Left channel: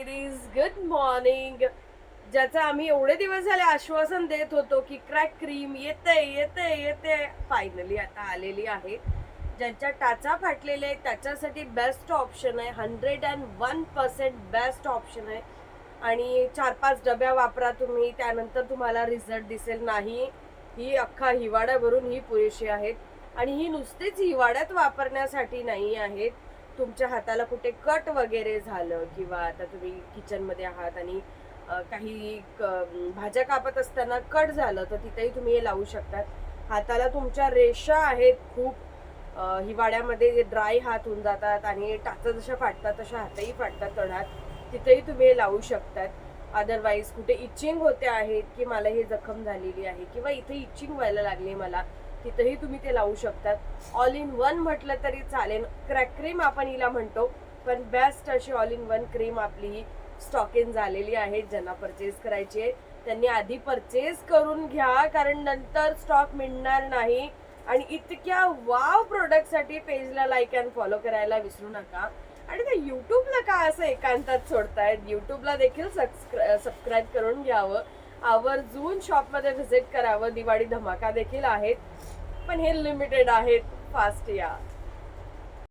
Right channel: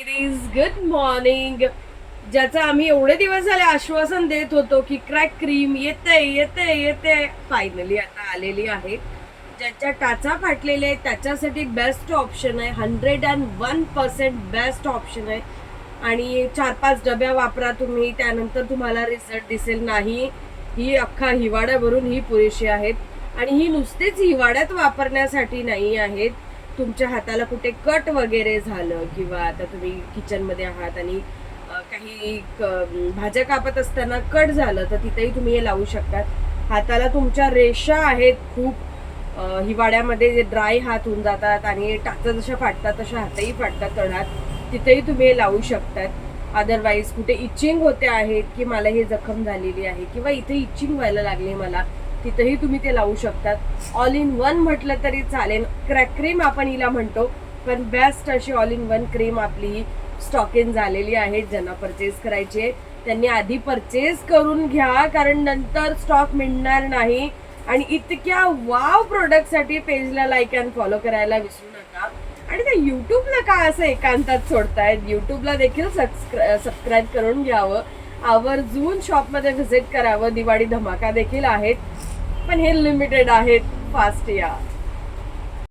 Ladies good morning. ज्याचं आम्ही एवढे दिवस झाले आश्वासन देत होतो की क्रॅक क्रीम येते येते येते, फायनली आता आलेली आहे. ज्याच्या टाचा फाटलेले आहेत त्याच्यासाठी बेस्ट ऑप्शन आहे, 101% बेस्ट ऑप्शन आहे. आणि 4-5 डब्या वापरा तुम्ही, त्यानंतर तुम्हाला रिझल्ट दिसेल. नाही, ही अख्खा हिवाळ्याभरून ही पुरेशी आहेत. आणि ही नुसतीच हिवाळ्यात वापरण्यासाठी नाही आहेत. तुमच्या हाताला कुठे कट वगैरे झालं किंवा आता तुम्ही किचनमध्ये आहात आणि काही भाज्या कापत असताना कट झालं तर तिथेही तुम्ही हे लावू शकतात. हाताला तुमच्या रेषा आहेत खूप, हिवाळ्यामध्ये जे ड्राय हात होऊन जातात आणि टाचा जशा फाटतात तशा हातही फाटतात तळहात, तिथेही तुम्ही हे लावू शकतात. अदरवाईज कुठे इचिंग होते आहेत की मला हे जखम झालेली आहे किंवा इथे इचिंग व्हायला लागली मला, तिथेही तुम्ही ते लावू शकतात. ऑल इन वन म्हटलं तरी चालेल. क्रॅक क्रीम आपण हिला म्हणतो, पण बेस्ट अशी ऑल इन वन क्रीम आपली ही स्टॉक इन झालेली आहे. ज्यांना परचेस करायची आहे त्यांनी आधी परचेस करून घ्या, कारण नंतर स्टॉक मिळणार नाही. आणि इतक्या वाव प्रोडक्टसाठी पेजला लाईक अँड फॉलो करायला विसरू नका. आणि ते युट्यूबला का असं एकांतात सोडतायत, युट्यूबला देखील सबस्क्राईब करून घ्यावं, आवर्जून शॉपमध्ये व्हिजिट करावं. दिवाळी धमाका देखील आहेत, पण हे लिमिटेड आहेत. फास्ट या.